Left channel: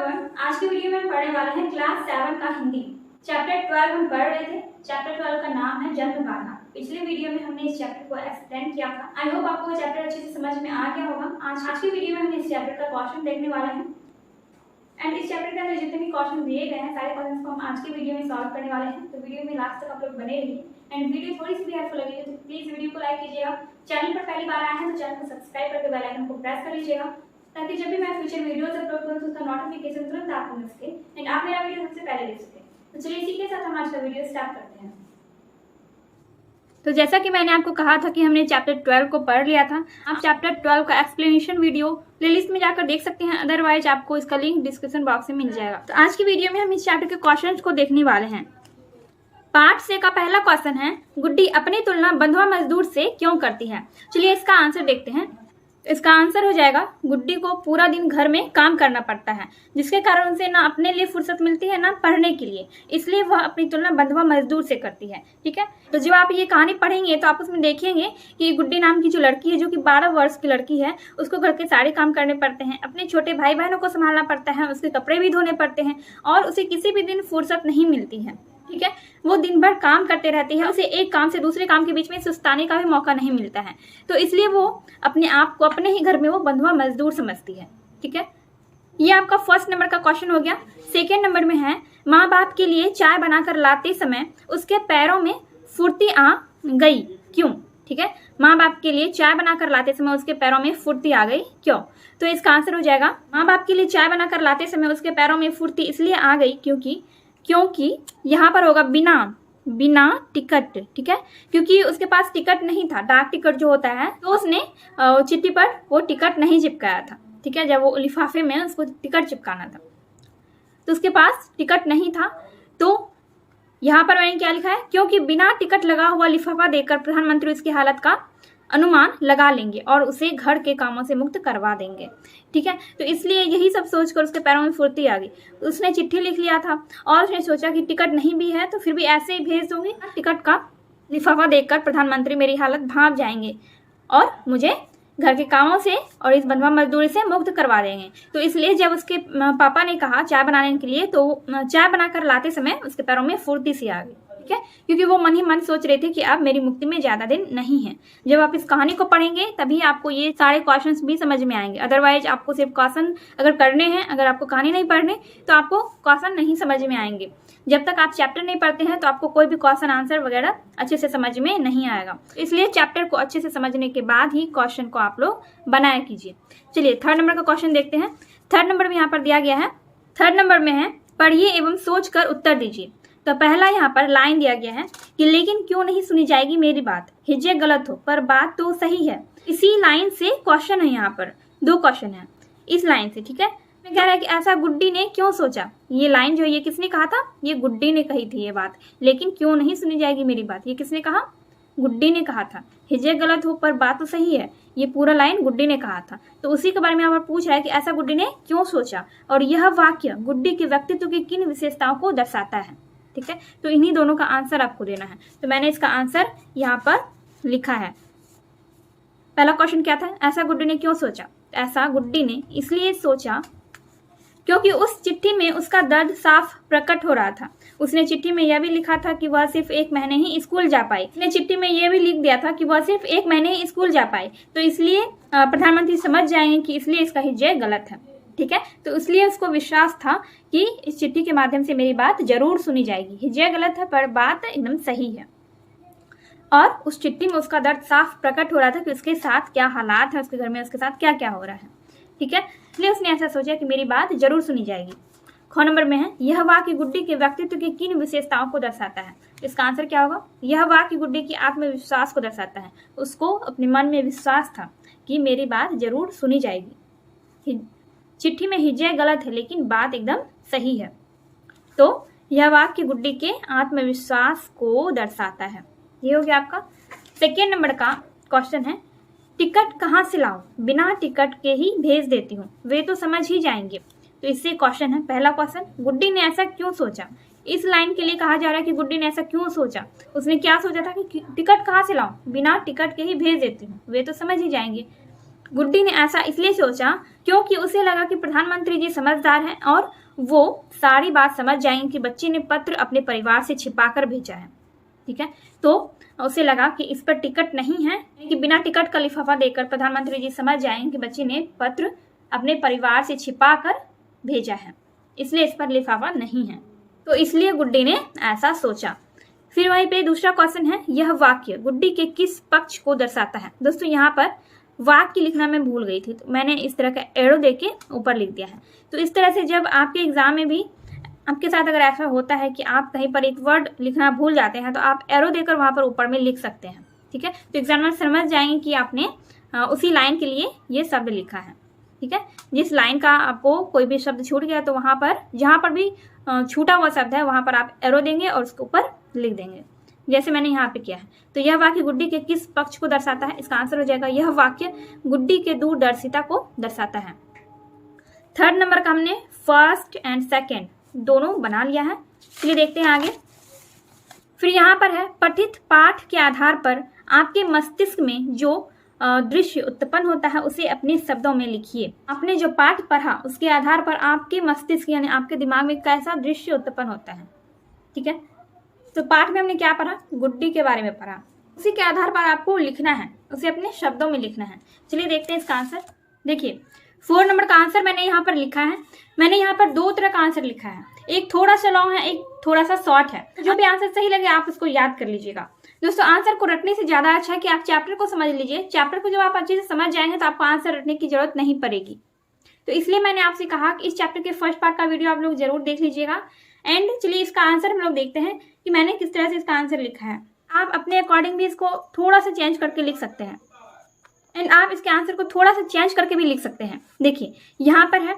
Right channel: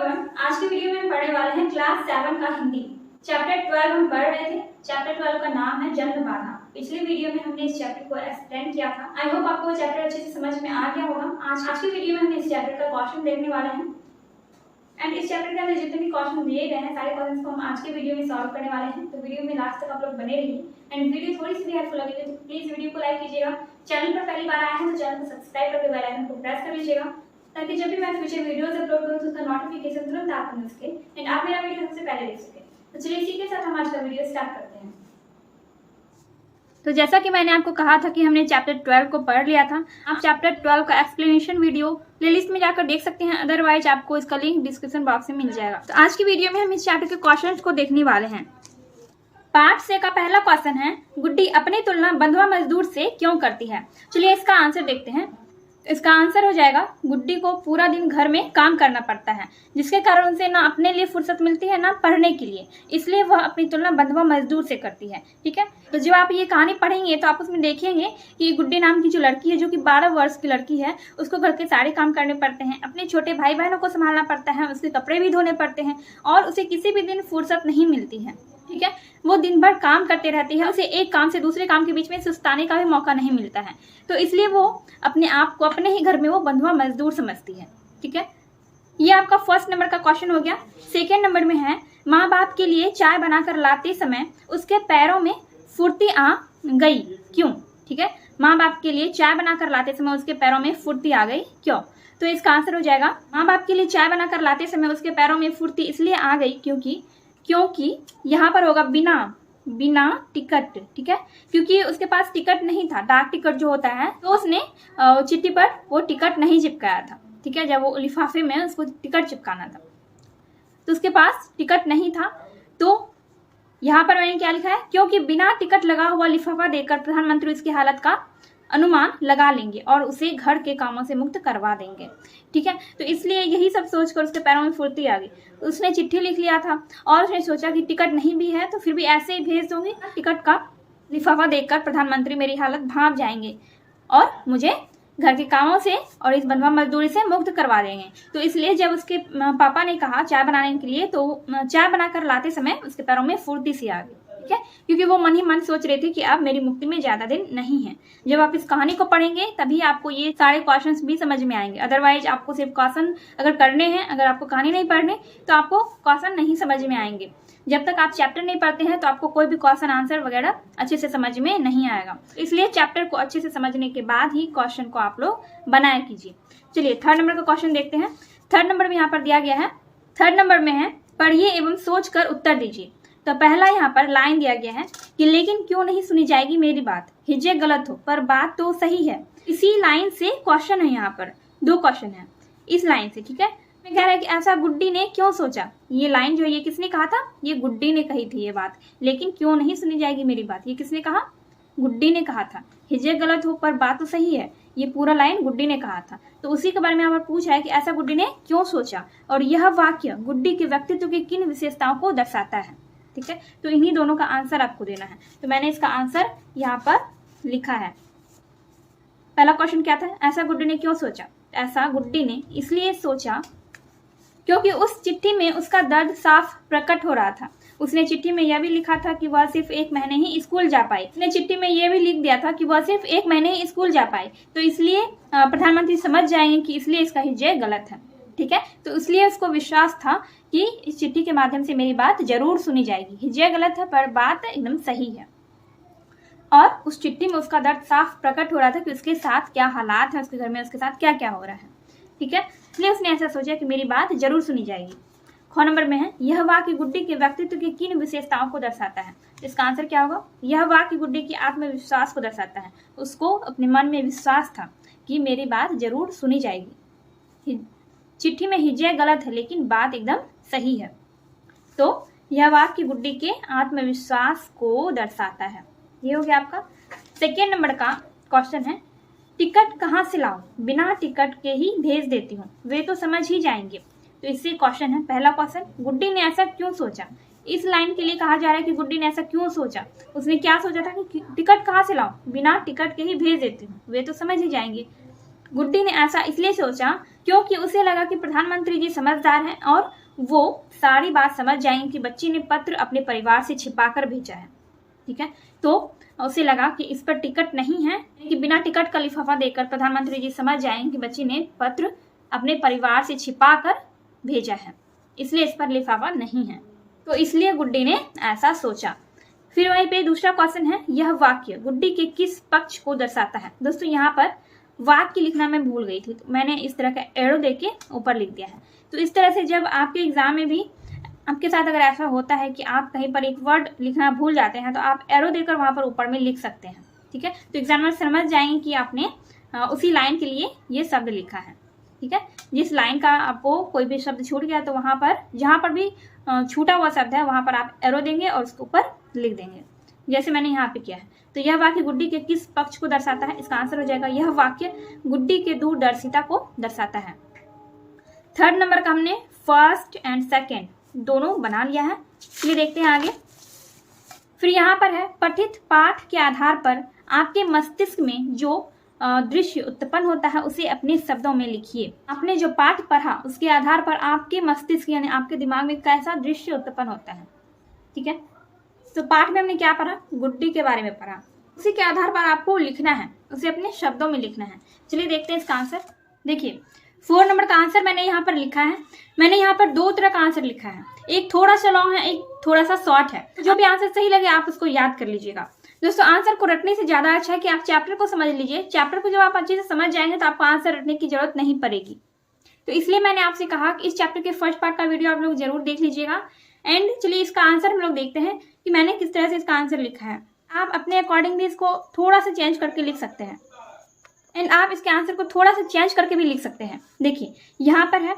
Everyone, आज की video में हम पढ़ने वाले हैं क्लास 7 का हिंदी चैप्टर 12 हम पढ़ रहे थे। चैप्टर 12 का नाम है जन्म बाधा। पिछले वीडियो में हमने इस चैप्टर को एक्सप्लेन किया था। आई होप आपको चैप्टर अच्छे से समझ में आ गया होगा। आज की वीडियो में हम इस चैप्टर का क्वेश्चन देखने वाले हैं एंड इस चैप्टर के अंदर जितने भी क्वेश्चन दिए गए हैं सारे क्वेश्चन को हम आज के वीडियो में सॉल्व करने वाले हैं। तो वीडियो में लास्ट तक आप लोग बने रहिए एंड वीडियो थोड़ी सी भी हेल्पफुल लगेगी तो प्लीज वीडियो को लाइक कीजिएगा। चैनल पर पहली बार आए हैं तो चैनल को सब्सक्राइब करके बेल आइकन को प्रेस कर लीजिएगा ताकि जब भी मैं फ्यूचर वीडियोस अपलोड करूं तो उसका नोटिफिकेशन तुरंत आपको मिल सके एंड आप मेरा वीडियो सबसे पहले देख सके। तो चलिए इसी के साथ हम आज का वीडियो स्टार्ट करते हैं। तो जैसा कि मैंने आपको कहा था कि हमने चैप्टर 12 को पढ़ लिया था, आप चैप्टर 12 का एक्सप्लेनेशन वीडियो प्लेलिस्ट में जाकर देख सकते हैं, अदरवाइज आपको इसका लिंक डिस्क्रिप्शन बॉक्स में मिल जाएगा। तो आज की वीडियो में हम इस चैप्टर के क्वेश्चंस को देखने वाले हैं। पार्ट से का पहला क्वेश्चन है, गुड्डी अपनी तुलना बंधुआ मजदूर से क्यों करती है। चलिए इसका आंसर देखते हैं। इसका आंसर हो जाएगा, गुड्डी को पूरा दिन घर में काम करना पड़ता है जिसके कारण उसे ना अपने लिए फुर्सत मिलती है ना पढ़ने के लिए, इसलिए वह अपनी तुलना बंधुआ मजदूर से करती है। ठीक है, तो जब आप ये कहानी पढ़ेंगे तो आप उसमें देखेंगे कि गुड्डी नाम की जो लड़की है, जो कि 12 वर्ष की लड़की है, उसको घर के सारे काम करने पड़ते हैं, अपने छोटे भाई बहनों को संभालना पड़ता है, उसके कपड़े भी धोने पड़ते हैं और उसे किसी भी दिन फुर्सत नहीं मिलती है। ठीक है, वो दिन भर काम करते रहती है, उसे एक काम से दूसरे काम के बीच में सुस्ताने का भी मौका नहीं मिलता है, तो इसलिए वो अपने आप को अपने ही घर में वो बंधुआ मजदूर समझती है। ठीक है, ये आपका फर्स्ट नंबर का क्वेश्चन हो गया। सेकेंड नंबर में है, माँ बाप के लिए चाय बनाकर लाते समय उसके पैरों में फुर्ती आ गई, क्यों। ठीक है, माँ बाप के लिए चाय बनाकर लाते समय उसके पैरों में फुर्ती आ गई, क्यों। तो इसका आंसर हो जाएगा, माँ बाप के लिए चाय बनाकर लाते समय उसके पैरों में फुर्ती इसलिए आ गई क्योंकि यहाँ पर होगा बिना टिकट। ठीक है, क्योंकि उसके पास टिकट नहीं था, डाक टिकट जो होता है, तो उसने चिट्ठी पर वो टिकट नहीं चिपकाया था। ठीक है, जब वो लिफाफे में उसको टिकट चिपकाना था तो उसके पास टिकट नहीं था। तो यहाँ पर मैंने क्या लिखा है, क्योंकि बिना टिकट लगा हुआ लिफाफा देकर प्रधानमंत्री उसकी हालत का अनुमान लगा लेंगे और उसे घर के कामों से मुक्त करवा देंगे। ठीक है, तो इसलिए यही सब सोचकर उसके पैरों में फुर्ती आ गई। उसने चिट्ठी लिख लिया था और उसने सोचा कि टिकट नहीं भी है तो फिर भी ऐसे ही भेज दूंगी, टिकट का लिफाफा देखकर प्रधानमंत्री मेरी हालत भांप जाएंगे और मुझे घर के कामों से और इस बंधुआ मजदूरी से मुक्त करवा देंगे। तो इसलिए जब उसके पापा ने कहा चाय बनाने के लिए, तो चाय बनाकर लाते समय उसके पैरों में फुर्ती सी आ गई। ठीक है, क्योंकि वो मन ही मन सोच रहे थे कि अब मेरी मुक्ति में ज्यादा दिन नहीं है। जब आप इस कहानी को पढ़ेंगे तभी आपको ये सारे क्वेश्चंस भी समझ में आएंगे, अदरवाइज आपको सिर्फ क्वेश्चन अगर करने हैं, अगर आपको कहानी नहीं पढ़ने तो आपको क्वेश्चन नहीं समझ में आएंगे। जब तक आप चैप्टर नहीं पढ़ते हैं तो आपको कोई भी क्वेश्चन आंसर वगैरह अच्छे से समझ में नहीं आएगा। इसलिए चैप्टर को अच्छे से समझने के बाद ही क्वेश्चन को आप लोग बनाया कीजिए। चलिए थर्ड नंबर का क्वेश्चन देखते हैं। थर्ड नंबर में यहाँ पर दिया गया है, थर्ड नंबर में है, पढ़िए एवं सोच कर उत्तर दीजिए। तो पहला यहाँ पर लाइन दिया गया है कि लेकिन क्यों नहीं सुनी जाएगी मेरी बात, हिज्जे गलत हो पर बात तो सही है। इसी लाइन से क्वेश्चन है, यहाँ पर 2 क्वेश्चन है इस लाइन से। ठीक है, मैं कह रहा है कि ऐसा गुड्डी ने क्यों सोचा। ये लाइन जो है ये किसने कहा था, ये गुड्डी ने कही थी ये बात। लेकिन क्यों नहीं सुनी जाएगी मेरी बात, ये किसने कहा, गुड्डी ने कहा था। हिज्जे गलत हो पर बात तो सही है, ये पूरा लाइन गुड्डी ने कहा था। तो उसी के बारे में यहाँ पर पूछा है कि ऐसा गुड्डी ने क्यों सोचा और यह वाक्य गुड्डी के व्यक्तित्व की किन विशेषताओं को दर्शाता है। ठीक है, तो इन्हीं दोनों का आंसर आपको देना है। तो मैंने इसका आंसर यहाँ पर लिखा है। पहला क्वेश्चन क्या था, ऐसा गुड्डी ने क्यों सोचा। ऐसा गुड्डी ने इसलिए सोचा क्योंकि उस चिट्ठी में उसका दर्द साफ प्रकट हो रहा था। उसने चिट्ठी में यह भी लिखा था कि वह सिर्फ 1 महीने ही स्कूल जा पाई। उसने चिट्ठी में यह भी लिख दिया था कि वह सिर्फ 1 महीने ही स्कूल जा पाई, तो इसलिए प्रधानमंत्री समझ जाएंगे कि इसलिए इसका हिज्जे गलत है। ठीक है, तो इसलिए उसको विश्वास था कि इस चिट्ठी के माध्यम से मेरी बात जरूर सुनी जाएगी, हिज्जे गलत है पर बात एकदम सही है। और उस चिट्ठी में उसका दर्द साफ प्रकट हो रहा था कि उसके साथ क्या हालात है, उसके घर में उसके साथ क्या क्या हो रहा है। ठीक है, इसलिए उसने ऐसा सोचा कि मेरी बात जरूर सुनी जाएगी। ख नंबर में है, यह वाक्य गुड्डी के व्यक्तित्व की किन विशेषताओं को दर्शाता है। इसका आंसर क्या होगा, यह वाक्य गुड्डी की आत्मविश्वास को दर्शाता है। उसको अपने मन में विश्वास था कि मेरी बात जरूर सुनी जाएगी, चिट्ठी में हिज्जे गलत है लेकिन बात एकदम सही है। तो यह वाक्य गुड्डी के आत्मविश्वास को दर्शाता है। ये हो गया आपका सेकेंड नंबर का क्वेश्चन है, टिकट कहाँ से लाऊं, बिना टिकट के ही भेज देती हूँ, वे तो समझ ही जाएंगे। तो इससे क्वेश्चन है, पहला क्वेश्चन, गुड्डी ने ऐसा क्यों सोचा। इस लाइन के लिए कहा जा रहा है कि गुड्डी ने ऐसा क्यों सोचा। उसने क्या सोचा था कि टिकट कहाँ से लाऊं, बिना टिकट के ही भेज देती हूँ, वे तो समझ ही जाएंगे। गुड्डी ने ऐसा इसलिए सोचा क्योंकि उसे लगा कि प्रधानमंत्री जी समझदार हैं और वो सारी बात समझ जाएंगे कि बच्ची ने पत्र अपने परिवार से छिपाकर भेजा है। ठीक है, तो उसे लगा कि इस पर टिकट नहीं है, कि बिना टिकट का लिफाफा देकर प्रधानमंत्री जी समझ जाएंगे कि बच्ची ने पत्र अपने परिवार से छिपाकर भेजा है, इसलिए इस पर लिफाफा नहीं है। तो इसलिए गुड्डी ने ऐसा सोचा। फिर वहीं पे दूसरा क्वेश्चन है, यह वाक्य गुड्डी के किस पक्ष को दर्शाता है। दोस्तों यहाँ पर वाक्य लिखना मैं भूल गई थी, तो मैंने इस तरह का एरो देके ऊपर लिख दिया है। तो इस तरह से जब आपके एग्जाम में भी आपके साथ अगर ऐसा होता है कि आप कहीं पर एक वर्ड लिखना भूल जाते हैं, तो आप एरो देकर वहां पर ऊपर में लिख सकते हैं। ठीक है, तो एग्जामिनर समझ जाएंगे कि आपने उसी लाइन के लिए ये शब्द लिखा है। ठीक है, जिस लाइन का आपको कोई भी शब्द छूट गया तो वहां पर जहां पर भी छूटा हुआ शब्द है वहां पर आप एरो देंगे और उसके ऊपर लिख देंगे, जैसे मैंने यहाँ पे किया है। तो यह वाक्य गुड्डी के किस पक्ष को दर्शाता है, इसका आंसर हो जाएगा यह वाक्य गुड्डी के दूरदर्शिता को दर्शाता है। थर्ड नंबर का हमने फर्स्ट एंड सेकेंड दोनों बना लिया है। ये देखते हैं आगे। फिर यहाँ पर है, पठित पाठ के आधार पर आपके मस्तिष्क में जो दृश्य उत्पन्न होता है उसे अपने शब्दों में लिखिए। आपने जो पाठ पढ़ा उसके आधार पर आपके मस्तिष्क यानी आपके दिमाग में कैसा दृश्य उत्पन्न होता है। ठीक है, तो पाठ में हमने क्या पढ़ा, गुड्डी के बारे में पढ़ा, उसी के आधार पर आपको लिखना है, उसे अपने शब्दों में लिखना है। चलिए देखते हैं इसका आंसर। देखिए 4 नंबर का आंसर मैंने यहाँ पर लिखा है। मैंने यहाँ पर 2 तरह का आंसर लिखा है, एक थोड़ा सा लॉन्ग है, एक थोड़ा सा शॉर्ट है। जो भी आंसर सही लगे आप उसको याद कर लीजिएगा। दोस्तों आंसर को रटने से ज्यादा अच्छा है कि आप चैप्टर को समझ लीजिए। चैप्टर को जब आप अच्छे से समझ जाएंगे तो आपको आंसर रटने की जरूरत नहीं पड़ेगी। तो इसलिए मैंने आपसे कहा कि इस चैप्टर के फर्स्ट पार्ट का वीडियो आप लोग जरूर देख लीजिएगा। एंड चलिए इसका आंसर हम लोग देखते हैं कि मैंने किस तरह से इसका आंसर लिखा है। आप अपने अकॉर्डिंग भी इसको थोड़ा सा चेंज करके लिख सकते हैं एंड आप इसके आंसर को थोड़ा सा चेंज करके भी लिख सकते हैं। देखिए यहाँ पर है,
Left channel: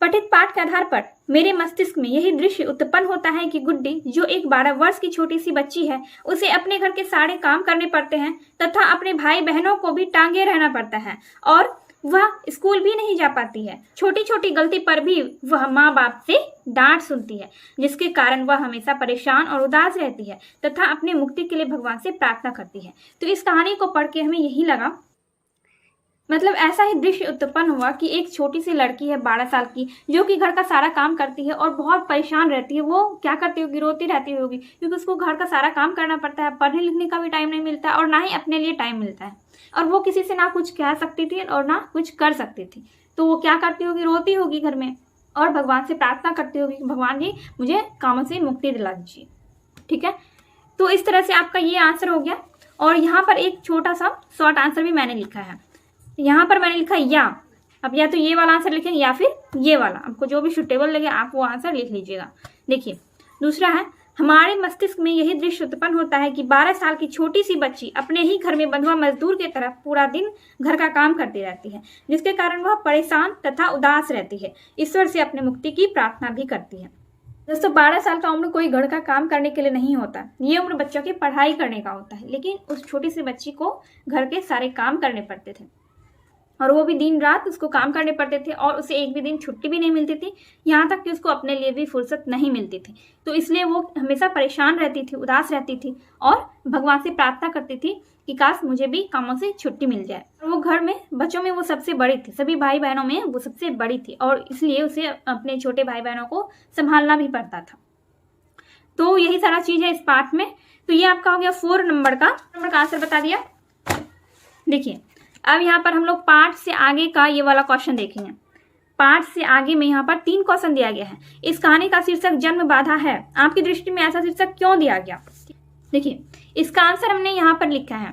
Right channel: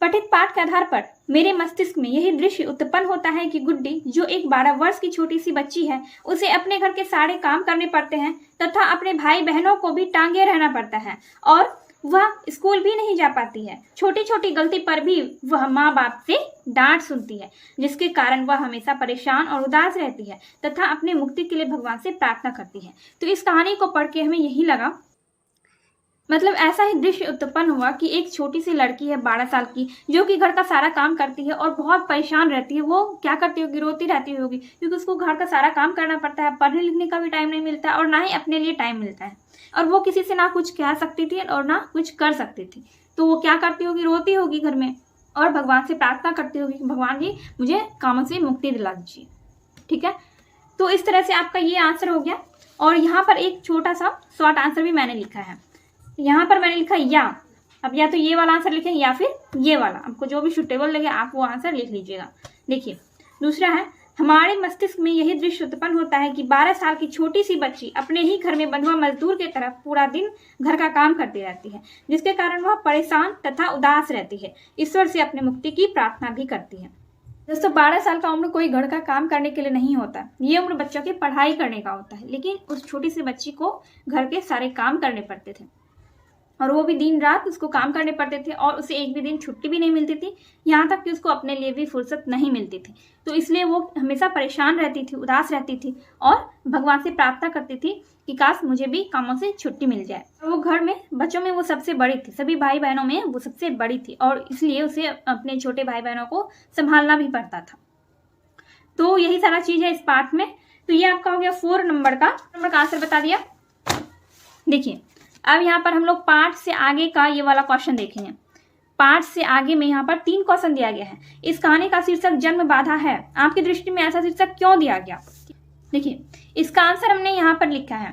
पठित पाठ के आधार पर मेरे मस्तिष्क में यही दृश्य उत्पन्न होता है कि गुड्डी जो एक 12 वर्ष की छोटी सी बच्ची है, उसे अपने घर के सारे काम करने पड़ते हैं तथा अपने भाई बहनों को भी टांगे रहना पड़ता है और वह स्कूल भी नहीं जा पाती है। छोटी छोटी गलती पर भी वह माँ बाप से डांट सुनती है, जिसके कारण वह हमेशा परेशान और उदास रहती है तथा अपनी मुक्ति के लिए भगवान से प्रार्थना करती है। तो इस कहानी को पढ़ के हमें यही लगा, मतलब ऐसा ही दृश्य उत्पन्न हुआ कि एक छोटी सी लड़की है 12 साल की, जो कि घर का सारा काम करती है और बहुत परेशान रहती है। वो क्या करती होगी, रोती रहती होगी, क्योंकि उसको घर का सारा काम करना पड़ता है, पढ़ने लिखने का भी टाइम नहीं मिलता और ना ही अपने लिए टाइम मिलता है। और वो किसी से ना कुछ कह सकती थी और ना कुछ कर सकती थी। तो वो क्या करती होगी, रोती होगी घर में और भगवान से प्रार्थना करती होगी कि भगवान जी मुझे कामों से मुक्ति दिला दीजिए। ठीक है, तो इस तरह से आपका ये आंसर हो गया। और यहाँ पर एक छोटा सा शॉर्ट आंसर भी मैंने लिखा है। यहाँ पर मैंने लिखा या, अब या तो ये वाला आंसर लिखेंगे या फिर ये वाला, आपको जो भी सुटेबल लगे आप वो आंसर लिख लीजिएगा। देखिए दूसरा है, हमारे मस्तिष्क में यही दृश्य उत्पन्न होता है कि 12 साल की छोटी सी बच्ची अपने ही घर में बंधुआ मजदूर की तरह पूरा दिन घर का काम करती रहती है, जिसके कारण वह परेशान तथा उदास रहती है, ईश्वर से अपनी मुक्ति की प्रार्थना भी करती है। दोस्तों 12 साल का उम्र कोई घर का काम करने के लिए नहीं होता, ये उम्र बच्चों की पढ़ाई करने का होता है। लेकिन उस छोटी सी बच्ची को घर के सारे काम करने पड़ते थे और वो भी दिन रात उसको काम करने पड़ते थे और उसे एक भी दिन छुट्टी भी नहीं मिलती थी, यहाँ तक कि उसको अपने लिए भी फुर्सत नहीं मिलती थी। तो इसलिए वो हमेशा परेशान रहती थी, उदास रहती थी और भगवान से प्रार्थना करती थी कि काश मुझे भी कामों से छुट्टी मिल जाए। और वो घर में बच्चों में वो सबसे बड़ी थी, सभी भाई बहनों में वो सबसे बड़ी थी और इसलिए उसे अपने छोटे भाई बहनों को संभालना भी पड़ता था। तो यही सारा चीज है इस पाठ में। तो ये आपका हो गया 4 नंबर का आंसर बता दिया। देखिए अब यहाँ पर हम लोग पाठ से आगे का ये वाला क्वेश्चन देखेंगे। पाठ से आगे में यहाँ पर 3 क्वेश्चन दिया गया है। इस कहानी का शीर्षक जन्म बाधा है, आपकी दृष्टि में ऐसा शीर्षक क्यों दिया गया? देखिए इसका आंसर हमने यहाँ पर लिखा है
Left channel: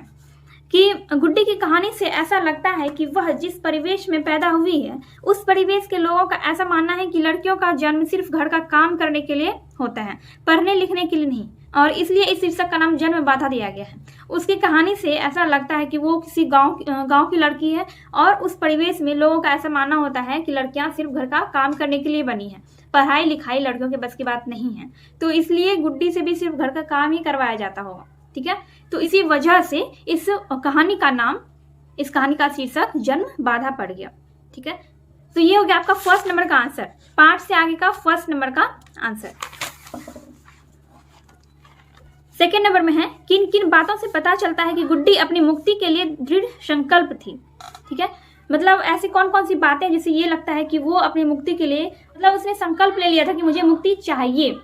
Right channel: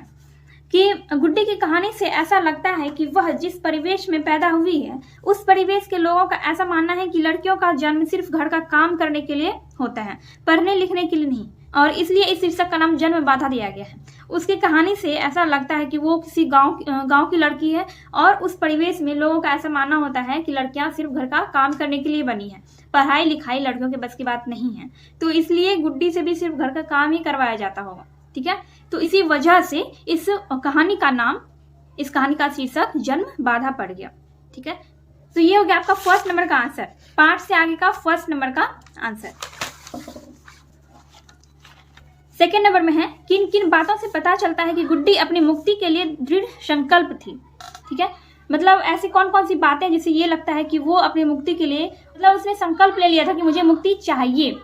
कि गुड्डी की कहानी से ऐसा लगता है कि वह जिस परिवेश में पैदा हुई है उस परिवेश के लोगों का ऐसा मानना है कि लड़कियों का जन्म सिर्फ घर का काम करने के लिए होता है, पढ़ने लिखने के लिए नहीं, और इसलिए इस शीर्षक का नाम जन्म बाधा दिया गया है। उसकी कहानी से ऐसा लगता है कि वो किसी गांव की लड़की है और उस परिवेश में लोगों का ऐसा मानना होता है कि लड़कियां सिर्फ घर का काम करने के लिए बनी है, पढ़ाई लिखाई लड़कियों के बस की बात नहीं है। तो इसलिए गुड्डी से भी सिर्फ घर का काम ही करवाया जाता होगा। ठीक है, तो इसी वजह से इस कहानी का शीर्षक जन्म बाधा पड़ गया। ठीक है, तो ये हो गया आपका 1st नंबर का आंसर, पाठ से आगे का 1st नंबर का आंसर। 2nd नंबर में है, किन किन बातों से पता चलता है कि गुड्डी अपनी मुक्ति के लिए दृढ़ संकल्प थी। ठीक है, मतलब ऐसी कौन कौन सी बातें जिससे ये लगता है कि वो अपनी मुक्ति के लिए, मतलब उसने संकल्प ले लिया था कि मुझे मुक्ति चाहिए।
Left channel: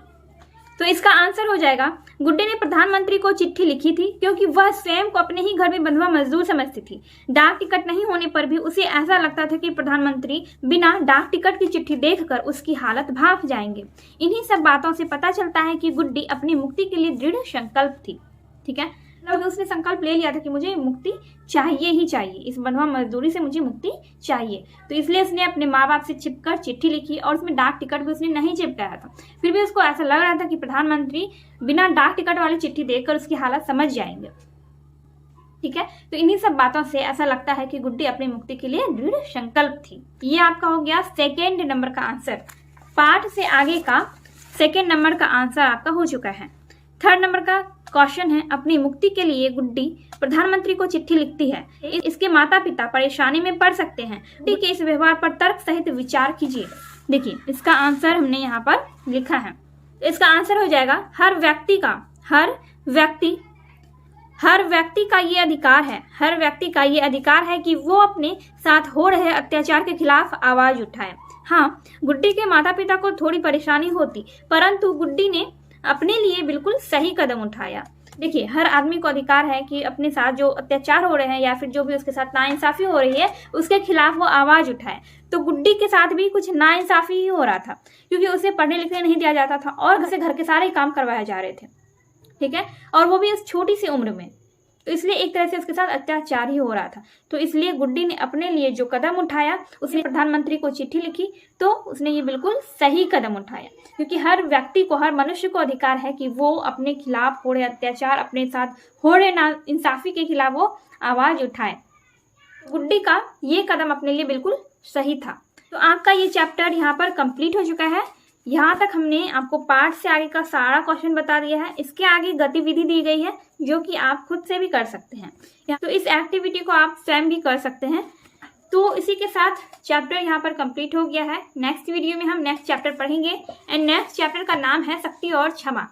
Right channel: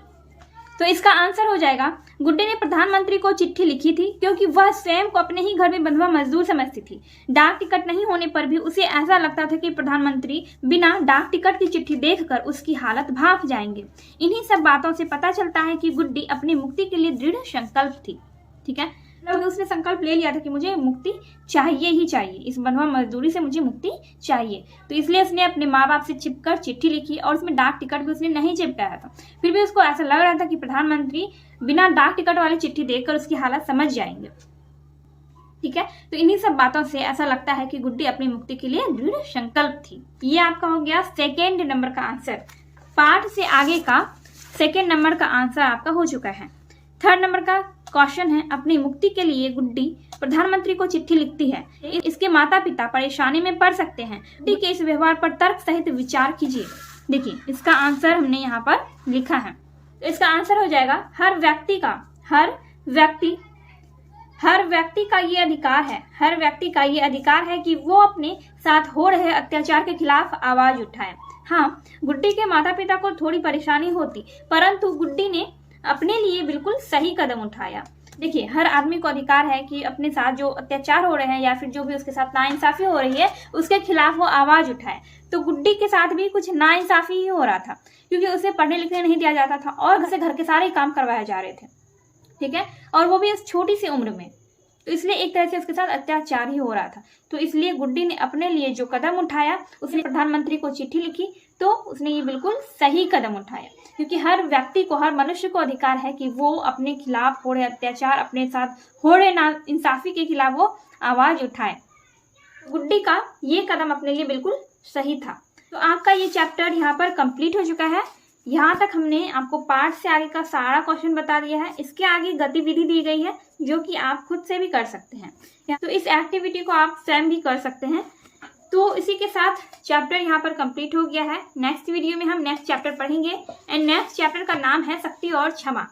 तो इसका आंसर हो जाएगा, गुड्डी ने प्रधानमंत्री को चिट्ठी लिखी थी क्योंकि वह स्वयं को अपने ही घर में बंधुआ मजदूर समझती थी। डाक टिकट नहीं होने पर भी उसे ऐसा लगता था कि प्रधानमंत्री बिना डाक टिकट की चिट्ठी देखकर उसकी हालत भाप जाएंगे। इन्हीं सब बातों से पता चलता है कि गुड्डी अपनी मुक्ति के लिए दृढ़ संकल्प थी। ठीक है, मतलब उसने संकल्प ले लिया था कि मुझे मुक्ति चाहिए ही चाहिए, इस बंधुआ मजदूरी से मुझे मुक्ति चाहिए। तो इसलिए उसने अपने माँ बाप से छिपकर चिट्ठी लिखी और उसमें डाक टिकट भी उसने नहीं चिपकाया था। फिर भी उसको ऐसा लग रहा था कि प्रधानमंत्री बिना डाक टिकट वाली चिट्ठी देखकर उसकी हालत समझ जाएंगे। ठीक है, तो इन्हीं सब बातों से ऐसा लगता है कि गुड्डी अपनी मुक्ति के लिए दृढ़ संकल्प थी। ये आपका हो गया सेकेंड नंबर का आंसर। पार्ट से आगे का सेकेंड नंबर का आंसर आपका हो चुका है। थर्ड नंबर का क्वेश्चन है, अपनी मुक्ति के लिए गुड्डी प्रधानमंत्री को चिट्ठी लिखती है। इसके माता पिता परेशानी में पड़ सकते हैं। गुड्डी के इस व्यवहार पर तर्क सहित विचार कीजिए। देखिए, इसका आंसर हमने यहाँ पर लिखा है। इसका आंसर हो जाएगा, हर व्यक्ति का ये अधिकार है, हर व्यक्ति का ये अधिकार है कि वो अपने साथ हो रहे अत्याचार के खिलाफ आवाज उठाए। हाँ, गुड्डी के माता पिता को थोड़ी परेशानी होती, परंतु गुड्डी ने अपने लिए बिल्कुल सही कदम उठाया। देखिए, हर आदमी को अधिकार है कि अपने साथ जो अत्याचार हो रहे हैं या फिर जो भी उसके साथ नाइंसाफी हो रही है उसके खिलाफ वो आवाज उठाए। तो गुड्डी के साथ भी कुछ नाइंसाफी ही हो रहा था क्योंकि उसे पढ़ने लिखने नहीं दिया जाता था और उसे घर के सारे काम करवाए जा रहे थे। ठीक है, और वो भी इस छोटी सी उम्र में, तो इसलिए एक तरह से उसके साथ अत्याचार ही हो रहा था। तो इसलिए गुड्डी ने अपने लिए जो कदम उठाया, उसने प्रधानमंत्री को चिट्ठी लिखी, तो उसने ये बिल्कुल सही कदम उठाया क्योंकि हर व्यक्ति को, हर मनुष्य को अधिकार है कि वो अपने खिलाफ हो रहे अत्याचार, अपने साथ हो रहे नाइंसाफी के खिलाफ वो आवाज उठाए। गुड्डी का ये कदम अपने लिए बिल्कुल सही था। तो आपका ये चैप्टर यहाँ पर कंप्लीट हो चुका है। यहाँ तक हमने आपको पार्ट से आगे का सारा क्वेश्चन बता दिया है। इसके आगे गतिविधि दी गई है जो कि आप खुद से भी कर सकते हैं, तो इस एक्टिविटी को आप स्वयं भी कर सकते हैं। तो इसी के साथ चैप्टर यहाँ पर कंप्लीट हो गया है। नेक्स्ट वीडियो में हम नेक्स्ट चैप्टर पढ़ेंगे एंड नेक्स्ट चैप्टर का नाम है शक्ति और क्षमा।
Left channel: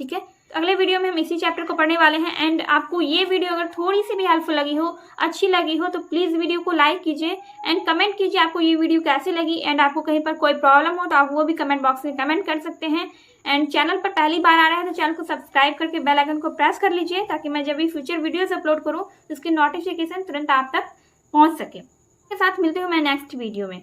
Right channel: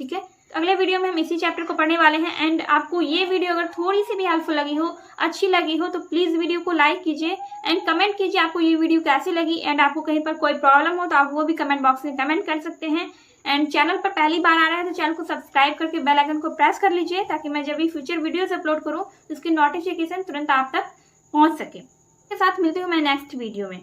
ठीक है, अगले वीडियो में हम इसी चैप्टर को पढ़ने वाले हैं। एंड आपको ये वीडियो अगर थोड़ी सी भी हेल्पफुल लगी हो, अच्छी लगी हो, तो प्लीज वीडियो को लाइक कीजिए एंड कमेंट कीजिए आपको ये वीडियो कैसे लगी। एंड आपको कहीं पर कोई प्रॉब्लम हो तो आप वो भी कमेंट बॉक्स में कमेंट कर सकते हैं। एंड चैनल पर पहली बार आ रहा है तो चैनल को सब्सक्राइब करके बेल आइकन को प्रेस कर लीजिए ताकि मैं जब भी फ्यूचर वीडियोस अपलोड करूँ तो उसकी नोटिफिकेशन तुरंत आप तक पहुँच सके। के साथ मिलते हूँ मैं नेक्स्ट वीडियो में।